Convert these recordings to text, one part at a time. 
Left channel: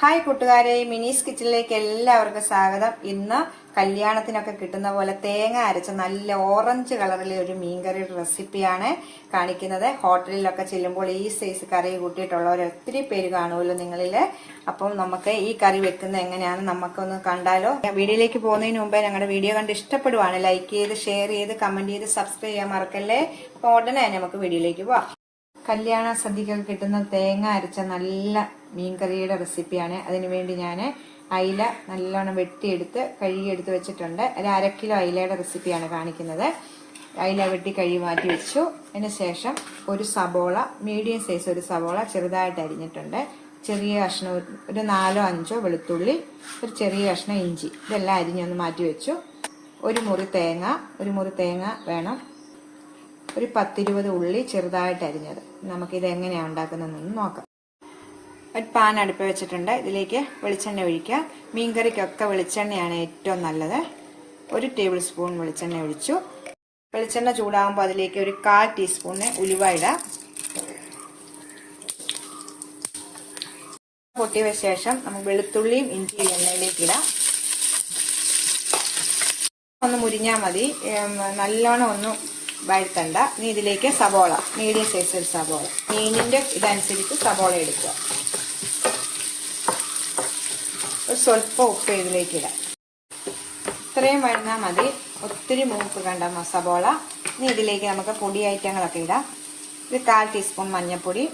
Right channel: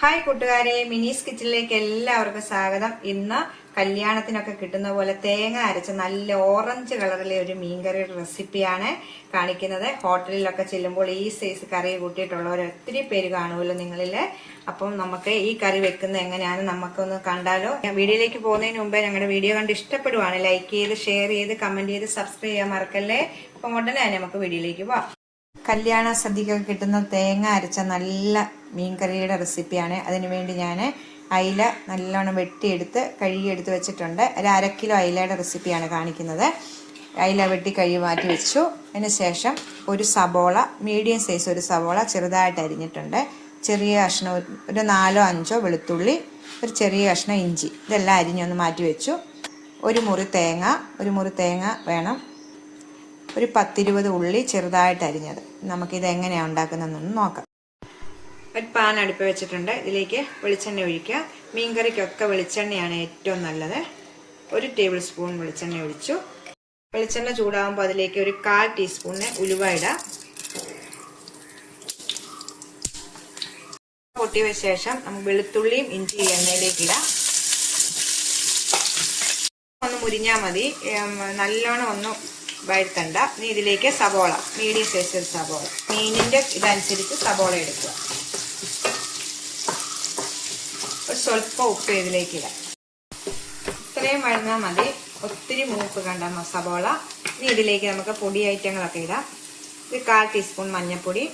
Hi കൂട്ടുകാരെ മിനീസ് കിച്ചണിലേക്ക് എല്ലാവർക്കും സ്വാഗതം. ഇന്ന് കല്യാണത്തിനൊക്കെ കിട്ടുന്ന പോലെ തേങ്ങ അരച്ച നല്ല ഓറഞ്ച് കളറിലെ ഒരു മീൻകറിയുടെ റെസിപ്പിയാണ് കാണിക്കുന്നത്. ഹോട്ടലിലൊക്കെ ചെല്ലുമ്പോൾ ഈ സൈസ് കറി കൂട്ടിയിട്ടുള്ളവർ ഒത്തിരി പേര് കാണുമല്ലോ നിങ്ങളിൽ അപ്പം നമുക്ക് ഈ കറി വെക്കുന്നത് എങ്ങനെയാണ് നമുക്കൊന്ന് കണ്ടാലോ. വീഡിയോയിലേക്ക് പോകുന്നതിന് മുമ്പേ ഞങ്ങളുടെ വീഡിയോ കണ്ട് ഇഷ്ടപ്പെടുവാണ്. ലൈക്ക് ചെയ്ത് ഷെയർ ചെയ്ത് കമന്റ് ചെയ്ത് സബ്സ്ക്രൈബ് ചെയ്യാൻ മറക്കല്ലേ? അപ്പോൾ ഉടനെ നമുക്ക് വീഡിയോയിലേക്ക് പോവാം. കല്യാണ സദ്യക്കൊക്കെ കിട്ടുന്ന തേങ്ങ അരച്ച നല്ല മീൻകറിയുടെ റെസിപ്പിയാണ്. അതിനുവേണ്ടി ഞാൻ അയില നല്ലോണം വെട്ടിയെടുത്ത് കഴുകിയെടുത്ത് വെച്ചിട്ടുണ്ട്. ഒരു അര കിലോ അയിലയുടെ റെസിപ്പിയാണ് കാണിക്കുന്നത്. അയില വെട്ടി കഴുകി മാറ്റി വെച്ചു. അതിന് ശേഷം ഒരു സബോള മീഡിയം സൈസ് ഒരു സബോള ചെറുതായിട്ട് അരിഞ്ഞിട്ടുണ്ട്. ചെറിയ കഷ്ണം ഒരു നാലോ അഞ്ചോ വെളുത്തുള്ളി ഒരു ചെറിയ കഷ്ണം ഇഞ്ചി. ഇതെല്ലാം അരിഞ്ഞൊന്ന് മാറ്റി വെച്ചു. ഒരു മുറി തേങ്ങ ഒരു മുറി തേങ്ങ വേണം. ഒരു പത്തിരുപത് ഉള്ളി ചെറുതായിട്ട് അരിഞ്ഞത്. നമുക്കിത് എങ്ങനെയാണ് ഉണ്ടാക്കുന്നതെന്ന് നോക്കാം. ഒരു പാൻ അടുപ്പ് വെച്ചിട്ടുണ്ട്. ഇതിലേക്ക് വെളിച്ചെണ്ണ ഒഴിക്കുക. മീൻകറിക്കൊക്കെ വെളിച്ചെണ്ണയാണ് ഏറ്റവും നല്ലത്. ഒരു ടേബിൾ സ്പൂൺ വെളിച്ചെണ്ണ ഒഴിച്ചു. വെളിച്ചെണ്ണ ചൂടാകുമ്പോൾ അതിലേക്ക് ഒരു കാൽ ടീസ്പൂണിന് ഉലുവ ഇടാം. പൊട്ടിയ ശേഷം നമുക്ക് വെളുത്തുള്ളിയും ഇഞ്ചി എണ്ണയിലേക്ക് ഇടാം. ഒന്ന് മുരിഞ്ഞാൽ മതി. നല്ലോണം ഒന്ന് വഴുത്തണ്ട ഇനി ഇതിലേക്ക് സവോള മീഡിയം സൈസിൽ സവോള. മീനിന്റെ ഇതനുസരിച്ച് സവോള എടുക്കുക. ഒരു സ്വല്പം ഉപ്പ് ഇതിലേക്ക് ഇടാം. ഇത്രയും വഴന്നാൽ മതി. ഒത്തിരി മൂക്ക് കണ്ട സവോള. ഇനി ഇതിലേക്ക് നമുക്ക് പൊടി ഐറ്റങ്ങളൊക്കെ ഇടാം. ഇത് കാൽ ടീസ്പൂൺ മഞ്ഞൾപ്പൊടി.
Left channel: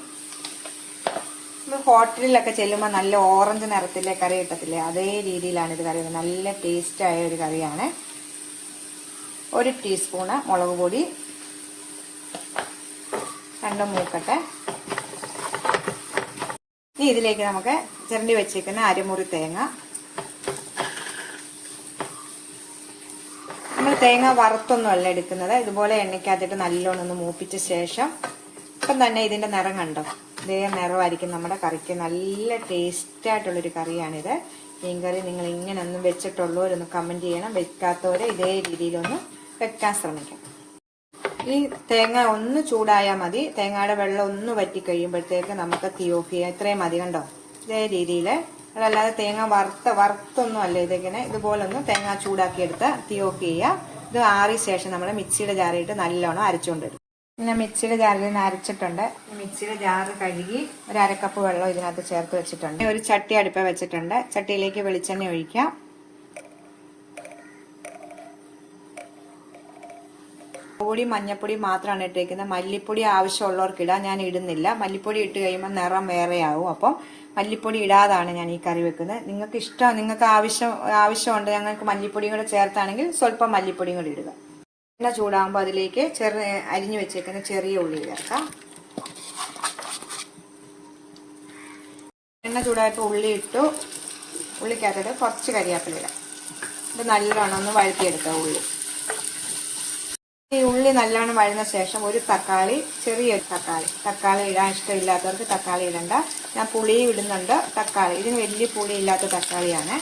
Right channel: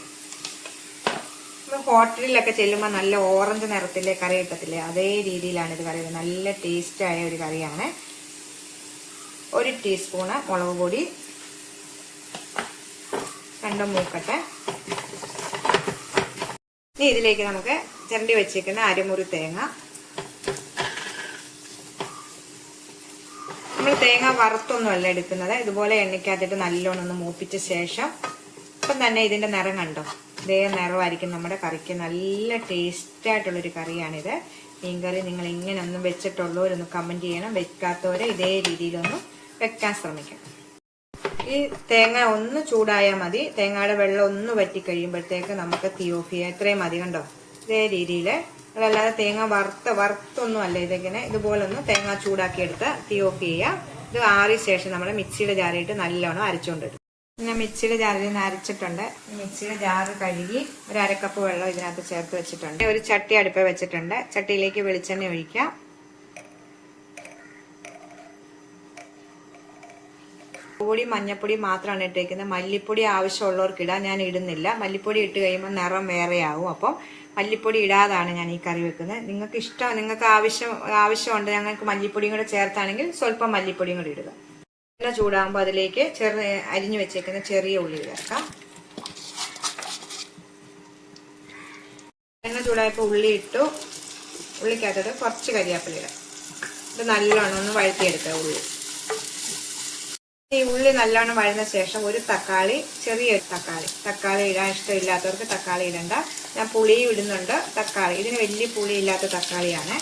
ഹോട്ടലിലൊക്കെ ചെല്ലുമ്പോൾ നല്ല ഓറഞ്ച് നിറത്തിലെ കറി കിട്ടത്തില്ലേ? അതേ രീതിയിലാണ് ഇത് കറി നല്ല ടേസ്റ്റ് ആയ ഒരു കറിയാണ്. ഒരു ടീസ്പൂണ് മുളക് പൊടി. രണ്ടും മൂക്കട്ടെ ഇനി ഇതിലേക്ക് നമുക്ക് ചിരണ്ടി വെച്ചേക്കുന്ന അരമുറി തേങ്ങ. നമ്മൾ തേങ്ങ വറുത്തൊന്നുമല്ല എടുക്കുന്നത്. ഇതുപോലെ എണ്ണയ്ക്കകത്തിട്ട് നല്ലോണം ഒന്ന് മൂപ്പിച്ച ശേഷം ഇപ്പം തന്നെ ഇതിന്റെ നിറം കണ്ടോ? ഇതേ നിറമായിരിക്കും നമ്മുടെ കറിക്ക്. നല്ല ടേസ്റ്റ് ആയിട്ടുള്ളൊരു കറിയാണിത്. മീൻകറി നിങ്ങൾ ഇങ്ങനെ ഒന്നും വെച്ചിട്ടുള്ളവരൊന്ന് കമന്റ് ചെയ്യണം. വെക്കാത്തവരെ ഇതേ രീതിയിലൊന്നും വെക്കാൻ ശ്രമിക്കാം ഈ തേങ്ങ ഒന്ന് ചൂടായാൽ മതി. തേങ്ങയുടെ വെള്ളം ഒന്ന് വറ്റി കഴിയുമ്പോഴത്തേക്ക് നമുക്ക് തീ ഓഫ് ചെയ്യാം. ഇത്രയും മതി കണ്ടോ? ഇതേ രീതിയിൽ അതല്ലാതെ തേങ്ങ വറുത്ത വറുത്തൊന്നും അല്ല ഇതിങ്ങനെ ഇതുപോലെ ഒന്ന് തേങ്ങ ചൂടാക്കിയെടുത്ത് തീ ഓഫ് ചെയ്യാം ഇത് ആറിയ ശേഷം നമ്മൾ മിക്സിയുടെ ജാറിയിട്ട് നല്ലോണം അരച്ചുകൊണ്ട് വരും ഞാൻ മിക്സിയുടെ ജാറിൽ നിന്ന് അരച്ചിട്ടുണ്ട്. മിക്സിയുടെ ജാറ് കഴുകി ഒരു അരക്കപ്പ് വെള്ളം ഇതിനകത്ത് ചേർത്ത് വെച്ചിട്ടുണ്ട്. ഒരു ചട്ടി അടുപ്പ് വെച്ചിട്ടുണ്ട്. ചട്ടിയിലേക്ക് വെളിച്ചെണ്ണ ഒഴിക്കാം. പൊടി മഞ്ഞപ്പൊടി മാത്രമാണ് ഇട്ടേക്കുന്നത്. മല്ലിപ്പൊടി ആവശ്യമുള്ളവർക്ക് ഇടാൻ ഞാൻ ഇടുന്നില്ല. മല്ലിപ്പൊടി ഇട്ട് കഴിയുമ്പോൾ നിറം വേറെയാവും. അപ്പം മല്ലിപ്പൊടി ഇടാതാണ് ഞാൻ ഈ കറി വെക്കുന്നത്. നിങ്ങൾക്ക് ഇഷ്ടം നിങ്ങൾക്ക് ആവശ്യം ആവശ്യമുണ്ട് ഞങ്ങൾക്ക് മല്ലിപ്പൊടിയും കൂടെ ചേർത്താണെങ്കിൽ സ്വല്പം മല്ലിപ്പൊടിയും കൂടി ഇടുക. എണ്ണ ചൂടാകുമ്പോൾ അതിലേക്ക് ചെറു അരിഞ്ഞു വെച്ചേക്കുന്ന ചെറിയ ഉള്ളി ചേർക്കാം. എണ്ണ ചൂടായപ്പോൾ ഉള്ളി ഇട്ടു. ഉള്ളിക്കകത്തോട്ട് കുറച്ച് കരിയാപ്പില ഇത് നല്ലോണം ഒന്ന് വഴുത്തിയെടുക്കാം ഉള്ളി. നല്ലോണം വഴന്ന ശേഷം ഒരു തക്കാളി ചെറിയ തക്കാളി. തക്കാളി ഇടാൻ ഇഷ്ടമില്ലാത്തവർക്ക് തക്കാളി ഇടണ്ട. ഞാൻ പുളിയും ഇടുന്നുണ്ട്. തക്കാളി. ഇതിന് വലിയ പുളി ഇല്ലാത്ത തക്കാളിയാണ്.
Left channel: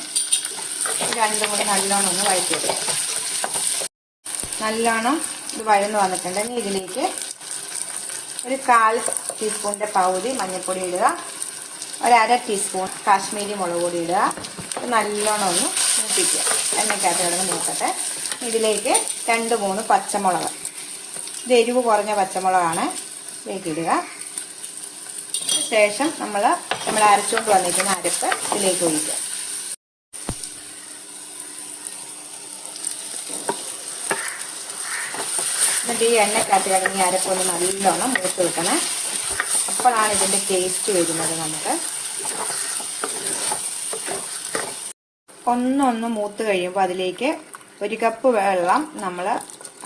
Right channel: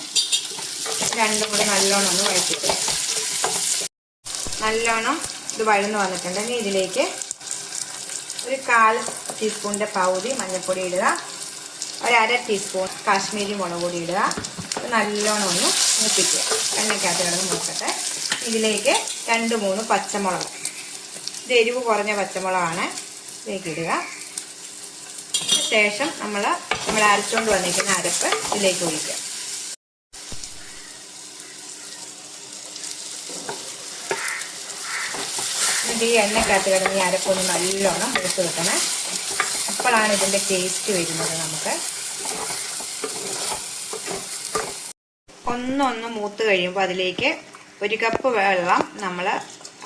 രണ്ടും കൂടെ നല്ലോണം ഒന്ന് വഴറ്റിട്ട് നല്ലോണം ഇത് വഴന്ന് വന്നിട്ടുണ്ട്. ഇനി ഇതിലേക്ക് ഒരു കാൽ ടീസ്പൂണിന്റെ പകുതി മഞ്ഞൾപ്പൊടി ഇടുക. ഒരു അര ടീസ്പൂൺ കാശ്മീരി മുളക് പൊടി ഇടുക. നല്ലോണം ഒന്ന് മൂപ്പിക്കുക. എണ്ണയ്ക്കകത്ത് കിടന്ന് നോക്കട്ടെ ഇതിലേക്ക് രണ്ട് മൂന്ന് പച്ചമുളക് ഇത് എരിവ് കുറഞ്ഞ പച്ചമുളകാണ്. ഇതിലേക്ക് ഇടുക ശേഷം നമ്മൾ നമ്മൾ അരച്ചുകൊണ്ട് വന്നിരിക്കുന്ന അരപ്പ് ഇതിലേക്ക് ഒഴിക്കുക. എന്നിട്ട് ഈ എണ്ണക്കകത്ത് കിടന്ന് ഈ അരപ്പൊന്ന് നല്ലോണം എടുത്ത് വെക്കണേ. അപ്പോഴാണ് ഇതിന്റെ ടേസ്റ്റ് വരുന്നത് നമുക്ക്. ഒന്നൊന്ന് മൂത്ത് കഴിയുമ്പോൾ അതിലേക്ക് ഒരു കപ്പ് വെള്ളം നമ്മൾ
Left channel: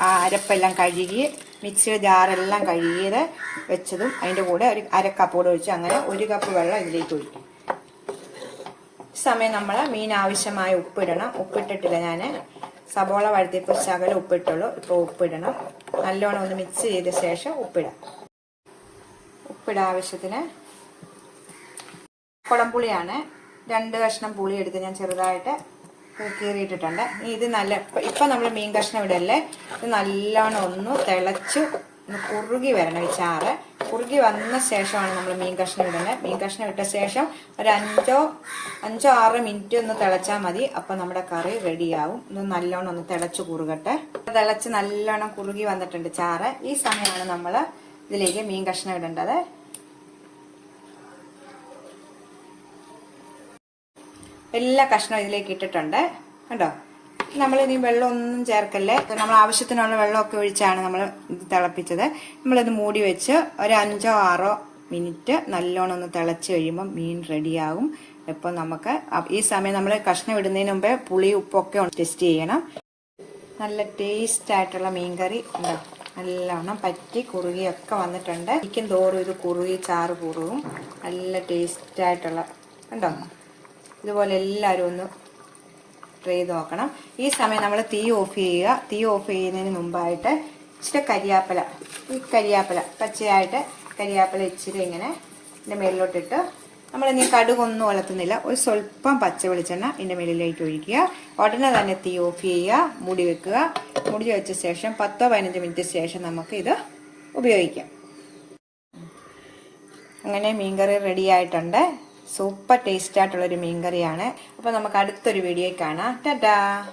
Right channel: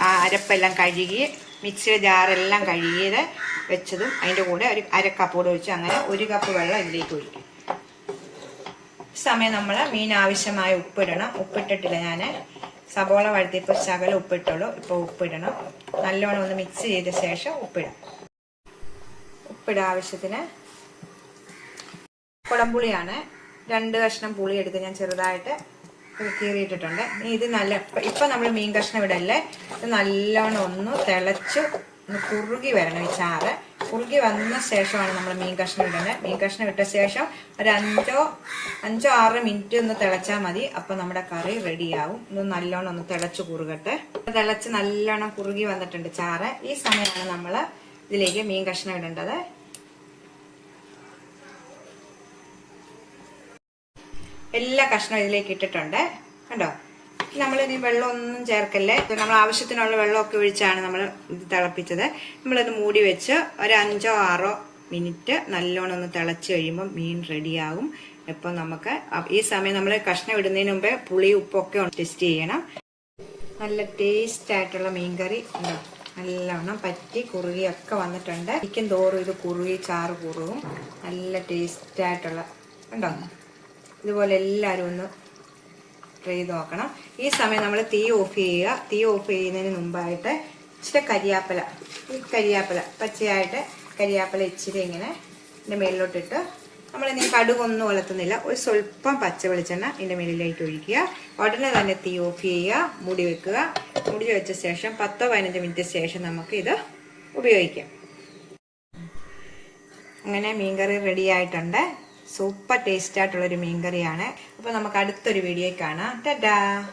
ആ അരപ്പെല്ലാം കഴുകി മിക്സിയുടെ ജാറെല്ലാം കഴുകിയത് വെച്ചതും അതിന്റെ കൂടെ ഒരു അര കൂടെ ഒഴിച്ച് അങ്ങനെ ഒരു കപ്പ് വെള്ളം ഇതിലേക്ക് ഒഴിക്കും. സമയം നമ്മൾ മീൻ ആവശ്യമായ ഉപ്പിടണം. ഉപ്പിട്ടിട്ടില്ല ഞാൻ സബോള വഴുത്തിയപ്പോൾ ശകലം ഉപ്പിട്ടുള്ളൂ. ഇപ്പോൾ ഉപ്പിടണം. നല്ലോണം ഒന്ന് മിക്സ് ചെയ്ത ശേഷം ഉപ്പിടാം. ഉപ്പിടാം ആവശ്യത്തിന് കുടംപുളിയാണ്. രണ്ട് കഷ്ണം പുളി എടുത്ത് ഞാൻ ചെറുതായിട്ട് കീറിയിട്ടിട്ടുണ്ട്. ഇത് നല്ല ഇപ്പൊ നമ്മൾ മീൻ കഷ്ണം ഇടല്ലേ? ഇത് നല്ലോണം ഒന്ന് തിളച്ച് ഒന്ന് കുറുകി വരണം ഈ ചാറ്. കുറുകി വന്ന ശേഷമാണ് നമ്മൾ മീൻ കഷ്ണം ഇടുന്നത് മീൻ കഷ്ണം ഇട്ട ശേഷം ഒരു അഞ്ചോ അഞ്ചോ ആറ് മിനിറ്റ് ഒന്ന് തിളച്ചാൽ മതി. അപ്പൊ നമ്മുടെ കറി റെഡിയാവും. ഇത് നല്ലോണം ഒന്ന് തിളച്ച് കുറുകട്ടെ. തിളച്ച് നല്ലോണം കുറുകി വന്നിട്ടുണ്ട് ചാറ്. ഈ സമയമാണ് നമ്മൾ ഇതിലേക്ക് മീൻ കഷ്ണം ഇടേണ്ടത്. എല്ലാ കഷ്ണം ഇതിലേക്ക് ഇട്ടിട്ടുണ്ട്. കണ്ടോ? നമ്മൾ ഇനി വെള്ളമൊന്നും ചേർക്കല്ലേ? നമ്മൾ ആവശ്യത്തിനുള്ള വെള്ളമൊക്കെ ഒഴിച്ചാണ് നമ്മൾ ഇത് തിളപ്പിച്ചത്. നമ്മളിത് മൂടി വെച്ച് ഒരു അഞ്ചോ ആറോ മിനിറ്റ് നല്ലോണം ഒന്ന് തിളച്ച് കഴിയുമ്പോൾ മീൻ റെഡിയാകും. ഇപ്പം നമുക്ക് ഈ സമയം നമ്മൾ കഷ്ണം ഇടുന്നതിന് മുമ്പേ പുളി ഉപ്പൊക്കെ ടെസ്റ്റ് ചെയ്യണം. നല്ല ടേസ്റ്റ് ആയിട്ടുള്ള മീൻകറി. നല്ലോണം പറ്റി കുറുകിയൊക്കെ വന്നിട്ടുണ്ട്. ഇരിക്കും തോറും ഇത് കുറുകി ചാറ് കുറുകും. നല്ല ടേസ്റ്റ് ആയിട്ടുള്ള കണ്ടോ? ഇതുപോലെ എല്ലാവരും ഒന്ന് ട്രൈ ചെയ്ത് നോക്കണം. ഈ സമയം നമ്മൾ തീ ഓഫ് ചെയ്യുക. തീ ഓഫ് ചെയ്യുന്നതിന് മുമ്പായിട്ട് ഇച്ചിരി കരിയാപ്പില ഈ കരിയാപ്പില പച്ചയായിട്ട് കരിയാപ്പില ഇച്ചിരി ഇങ്ങനെ ഇതിന്റെ മേലിലോട്ടിട്ട് നമ്മൾ ഇനി കടുകൊന്നും വളർത്തുന്നില്ല ഒരു സ്വല്പം പച്ച വെളിച്ചെണ്ണ ഇതിന്റെ മേലിലേക്ക് ഒഴിക്കുക. ഉടനെ തന്നെ തീ ഓഫ് ചെയ്യുക. മുടി വെക്കുക. മുടി വെച്ച ശേഷം പത്തോ പതിനഞ്ച് മിനിറ്റ് ശേഷം നമുക്ക് ഇത് ഉപയോഗിക്കാം. അങ്ങനെ മീൻകറി റെഡി ആയിട്ടുണ്ട്. സൂപ്പർ ടേസ്റ്റ് ആയിട്ടുള്ളൊരു മീൻ മീൻകറിയാണ്. അപ്പോൾ നമുക്ക് അടുത്തൊരു വീഡിയോ കാണാം. ടാറ്റാ!